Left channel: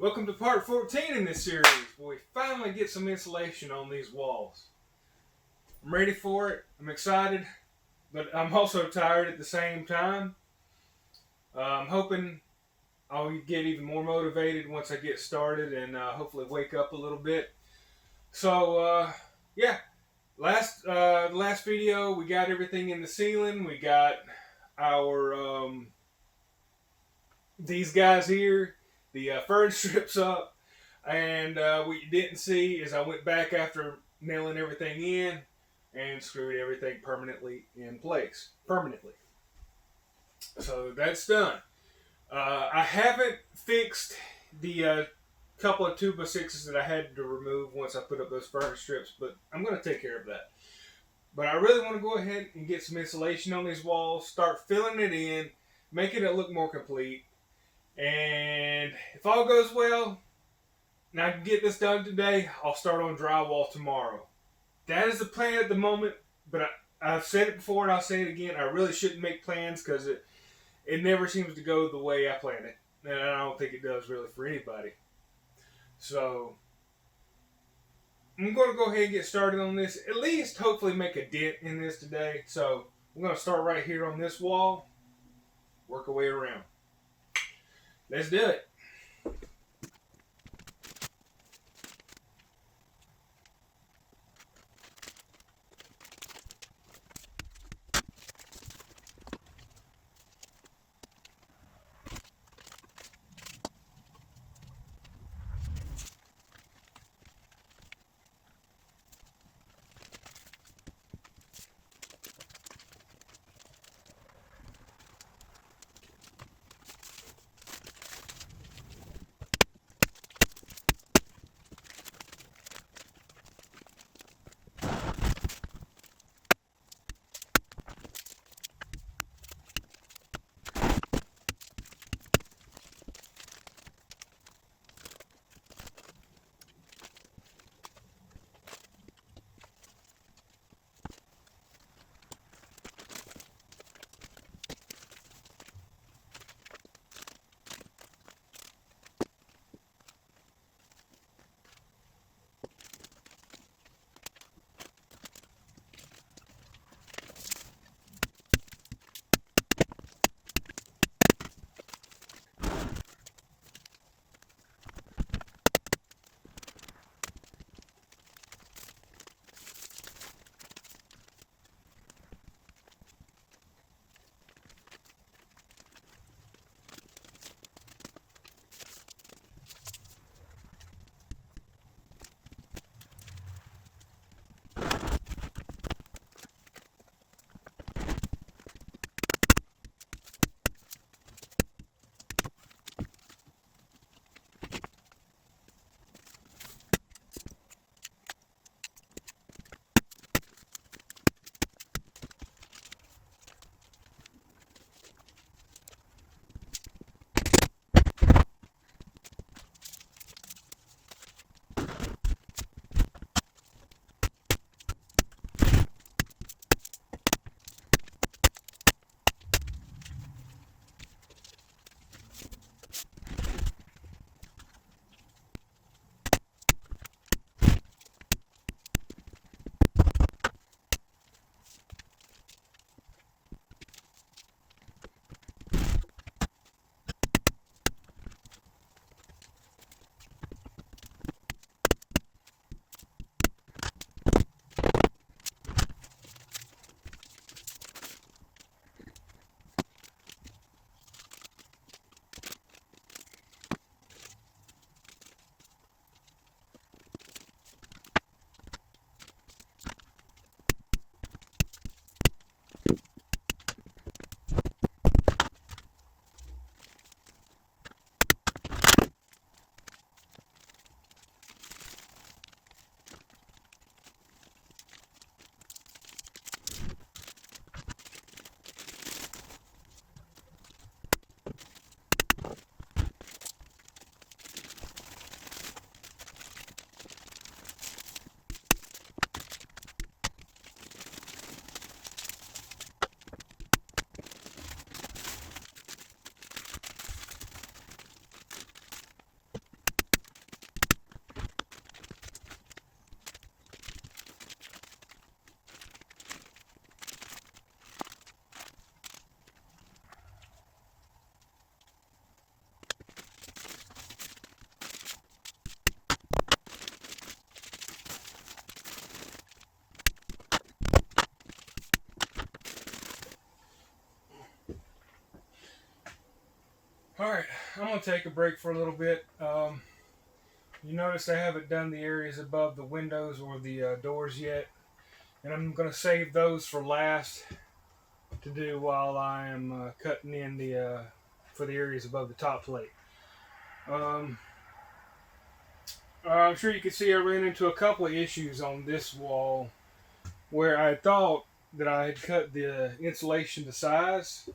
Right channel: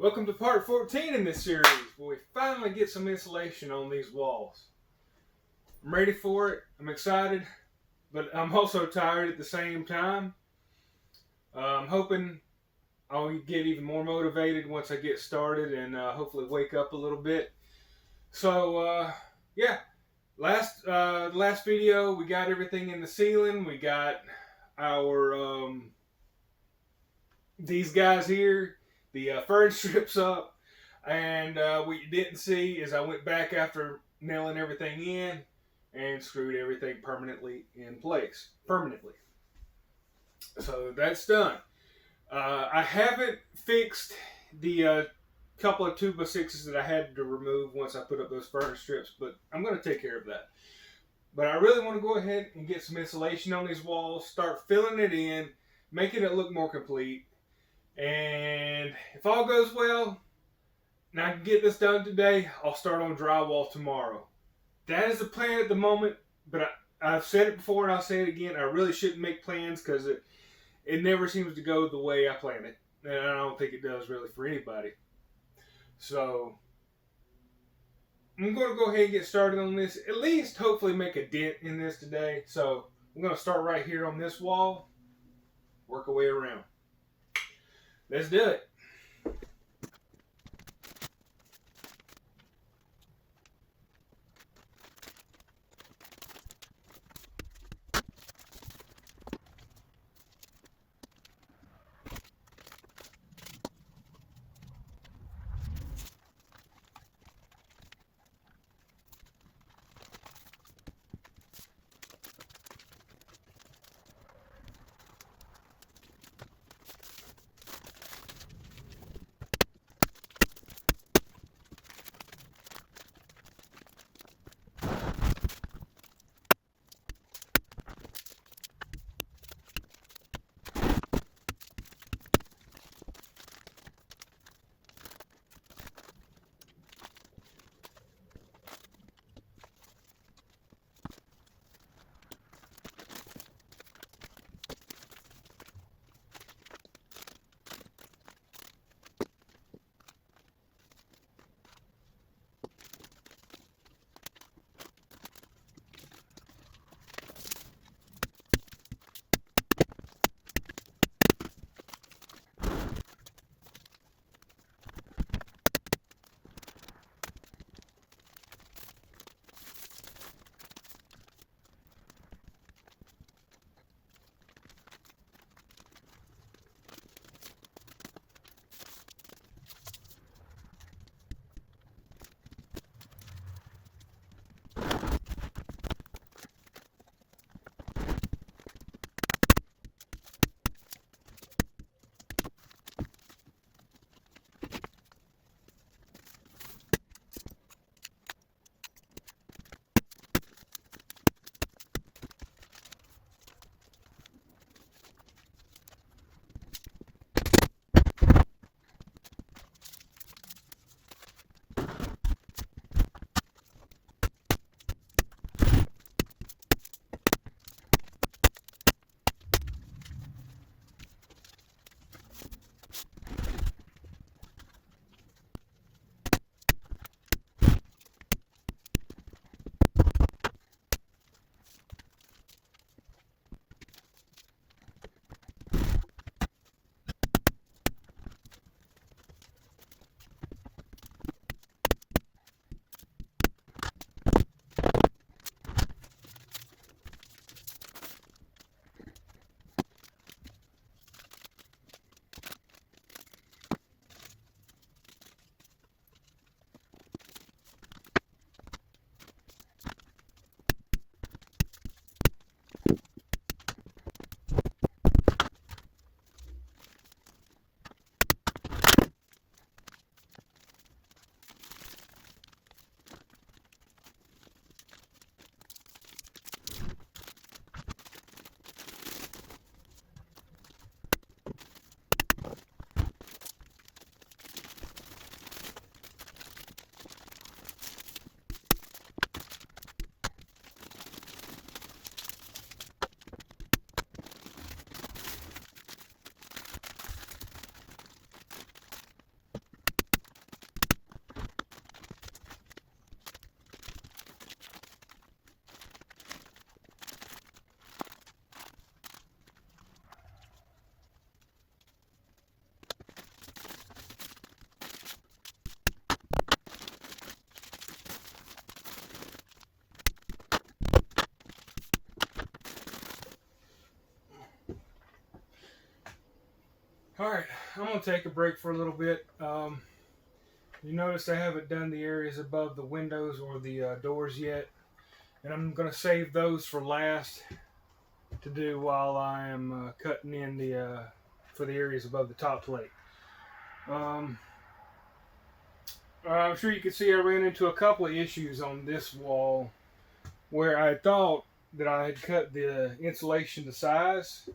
Welcome to part 14 in this series, where we finally get some insulation on these walls. I'm ready for it, I'm excited, but I'm also tired at the same time. I'm hoping I'll get even more motivated once I get started and hopefully wake up a little bit. So, yeah, last video we got everything in the ceiling. We got our these guys here, the fern strips up, and what you didn't see is I went back after nailing everything in and screwed everything permanently in place. So that's done. I haven't fixed the couple of 2x6s that I had to remove once I put up those fern strips, but I'm going to take care of that. But I really want to go ahead and get some insulation on these walls, start filling it in, making it look more complete. And if all goes well, and I can get this done today, I'll start on drywall tomorrow. That is the plan at the moment, but I've said it before and I'll say it again. I really shouldn't make plans because it never seems to go the way I plan it. And I don't think it does really for anybody. So I'm going to go ahead and get started on this. At least hopefully make a dent in this today. So I'm going to start right here on this wall, work our way around. Let's do it. going to take a break for a little bit. You notice I haven't done the areas above the windows or the doors yet. And I'm going to save those for last to do while I am cutting in the for the areas above the top plate. Um, I'm sure you can see I ran into a couple of issues on this wall where I thought that I had cut the insulation to size,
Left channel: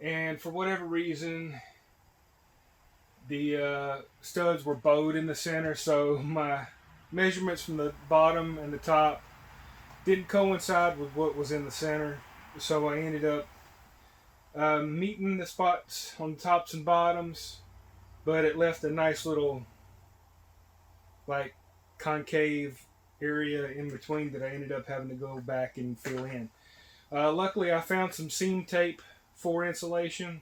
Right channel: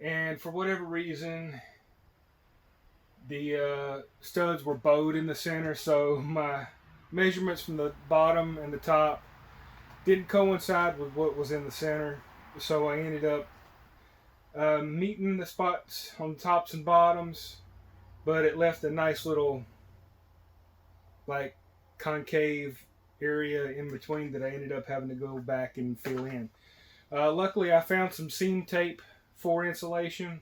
and for whatever reason the studs were bowed in the center, so my measurements from the bottom and the top didn't coincide with what was in the center, so I ended up meeting the spots on the tops and bottoms, but it left a nice little like concave area in between that I ended up having to go back and fill in. Luckily, I found some seam tape for insulation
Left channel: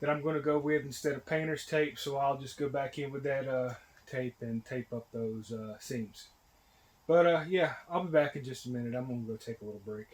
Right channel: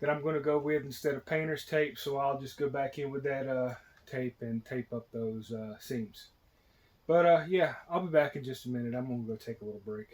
that I'm going to go with instead of painter's tape, so I'll just go back in with that tape and tape up those seams. But yeah, I'll be back in just a minute. I'm going to go take a little break.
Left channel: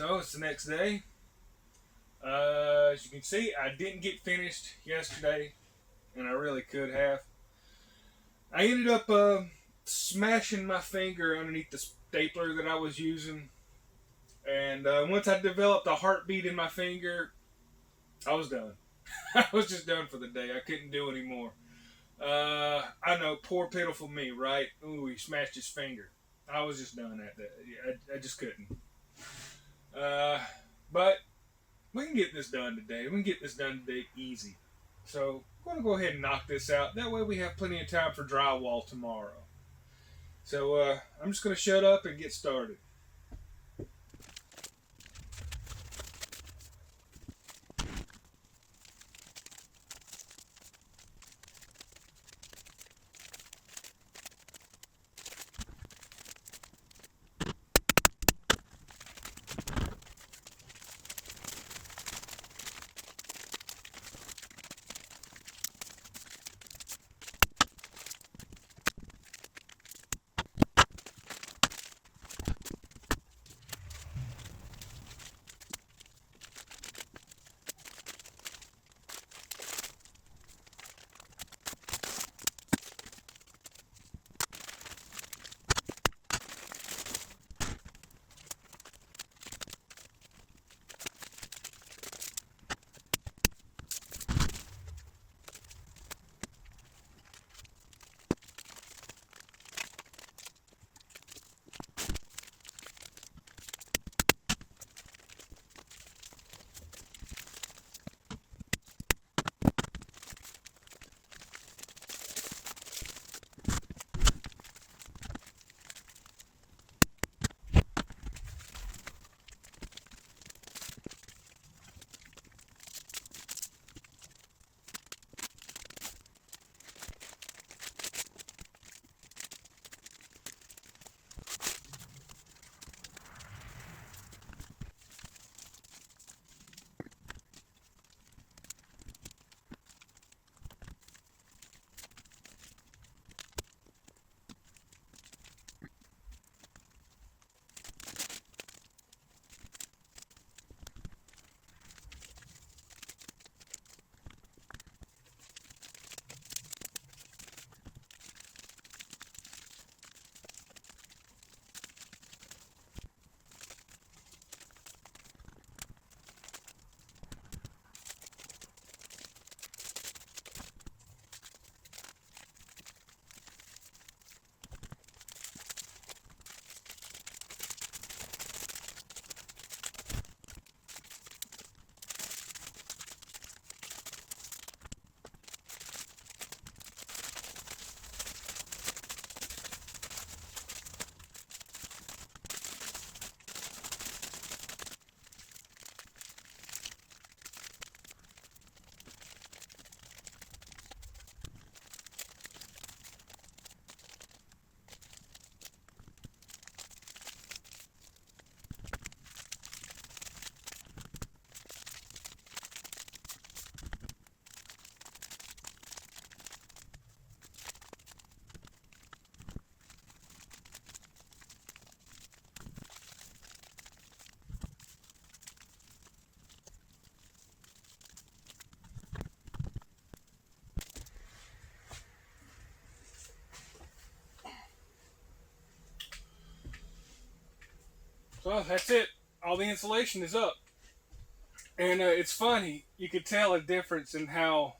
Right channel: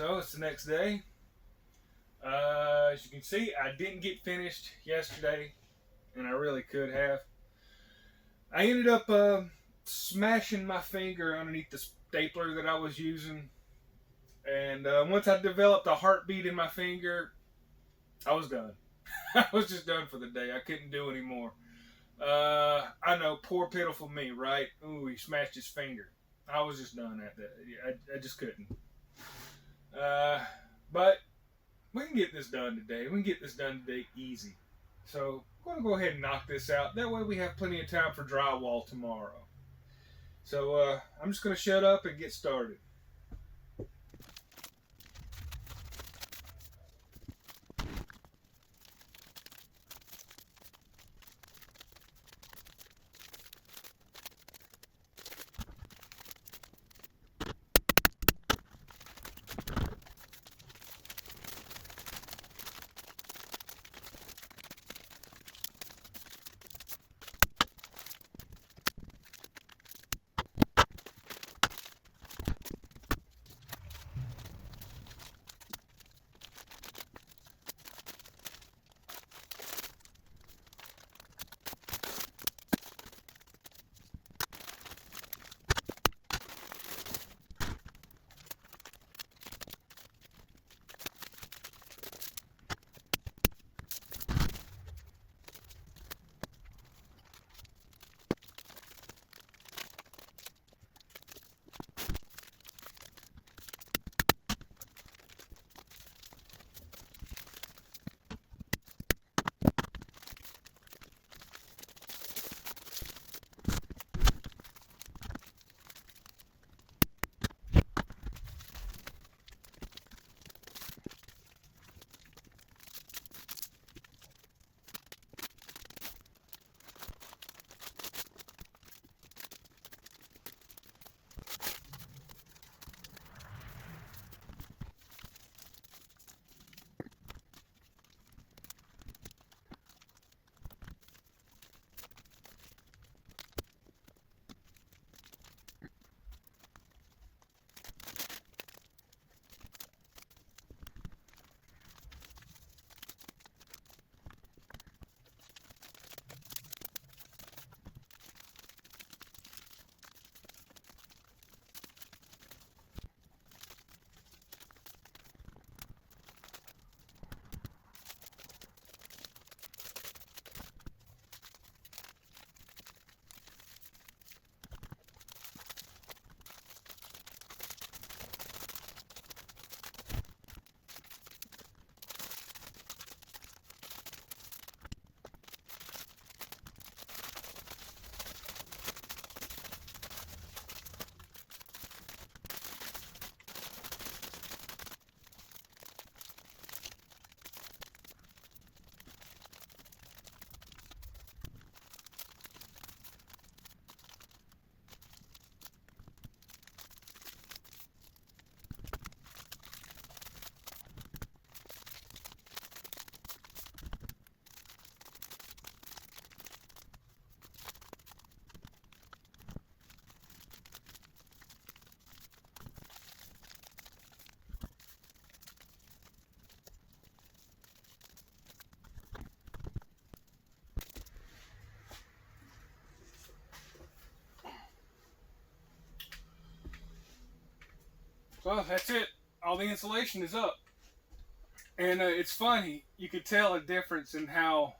So it's the next day. As you can see, I didn't get finished yesterday, and I really could have. I ended up smashing my finger underneath the stapler that I was using, and once I developed a heartbeat in my finger, I was done. I was just done for the day. I couldn't do anymore. I know, poor pitiful me, right? Ooh, he smashed his finger. I was just done at that. I just couldn't. But we can get this done today. We can get this done today easy. So I'm going to go ahead and knock this out. That way we have plenty of time for drywall tomorrow. So I'm just going to shut up and get started. So that's it. All the insulation is up. And it's funny, you could tell a difference in how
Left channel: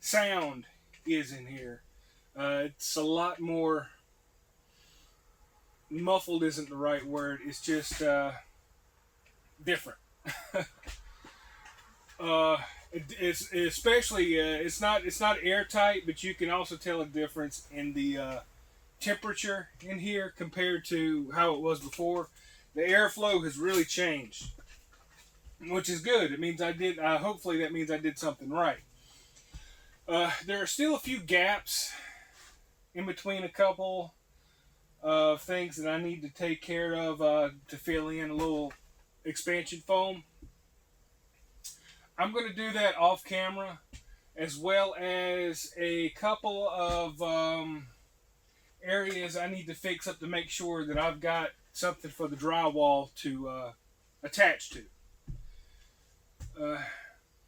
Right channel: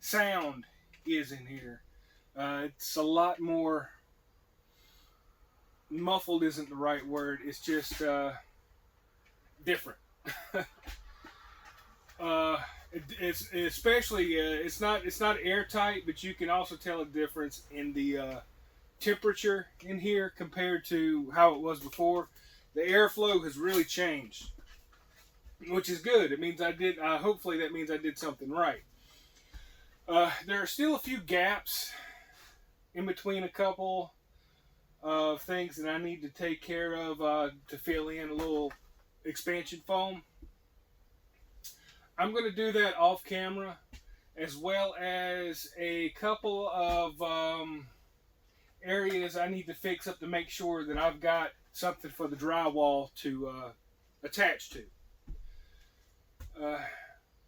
sound is in here. It's a lot more muffled, isn't the right word. It's just different. It's especially it's not airtight, but you can also tell a difference in the temperature in here compared to how it was before. The airflow has really changed, which is good. It means I did. Hopefully, that means I did something right. There are still a few gaps in between a couple of things that I need to take care of to fill in a little expansion foam. I'm going to do that off camera, as well as a couple of areas I need to fix up to make sure that I've got something for the drywall to attached to.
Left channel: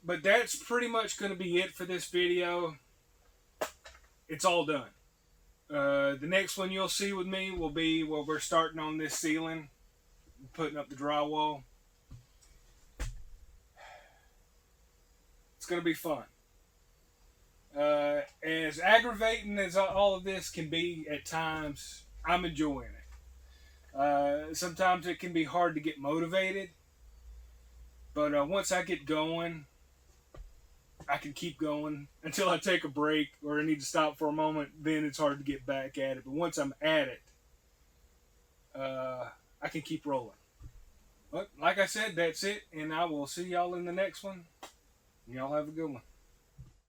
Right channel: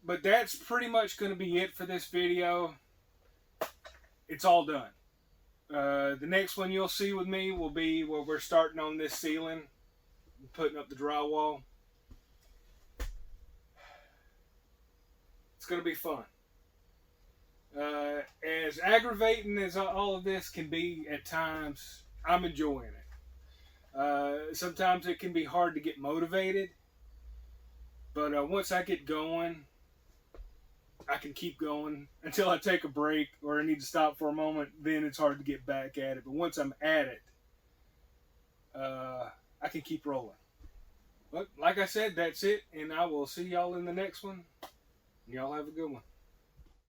But that's pretty much going to be it for this video. It's all done. The next one you'll see with me will be where we're starting on this ceiling, putting up the drywall. It's going to be fun. As aggravating as all of this can be at times, I'm enjoying it. Sometimes it can be hard to get motivated, but once I get going, I can keep going until I take a break or I need to stop for a moment. Then it's hard to get back at it. But once I'm at it, I can keep rolling. But like I said, that's it. And I will see y'all in the next one. Y'all have a good one.